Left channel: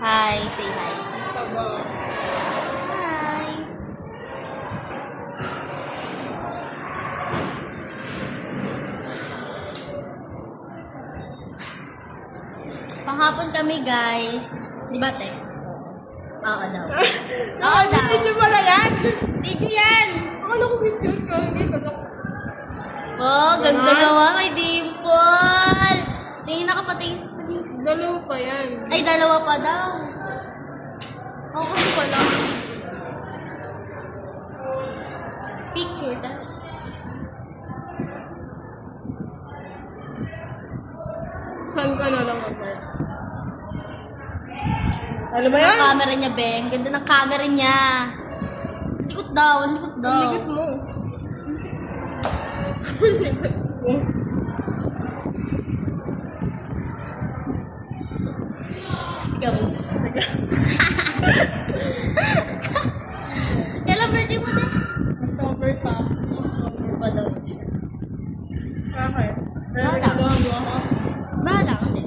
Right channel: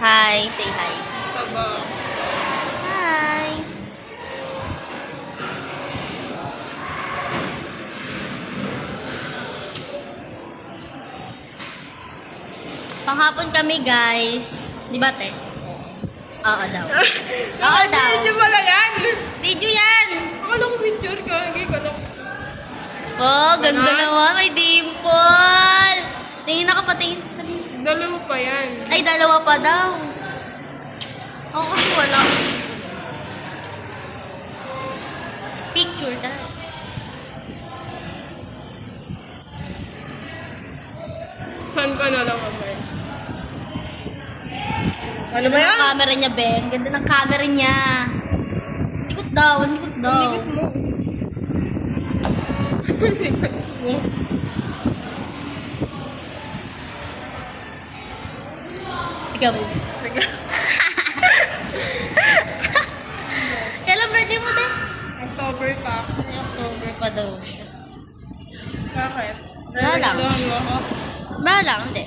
Hi, say hi. Taba. Hi. Panghapon kami, guys. Di ba, te? Oo daw. Oo daw. Video pala yan. Video yan. Akala ko video ka. Hindi ko na. Oh, ganda naman. May dimple. Tingin ako pa, tingin. Dalawa pa yan. Ay, dalawa pa daw. Ako kasi wala. Picture daw. Saan ka na lang, Amay? Ano ba Ganda yan? ng camera niya, Beng. Ganda ng camera niya. Likot daw, likot daw. Ang likot mo. Ang likot mo. Ikaw mo. Kailan birthday mo, din? October pa. Ay, October pa daw siya. Bakit? Wala lang. Regalahan mo ako. Wala lang, hindi.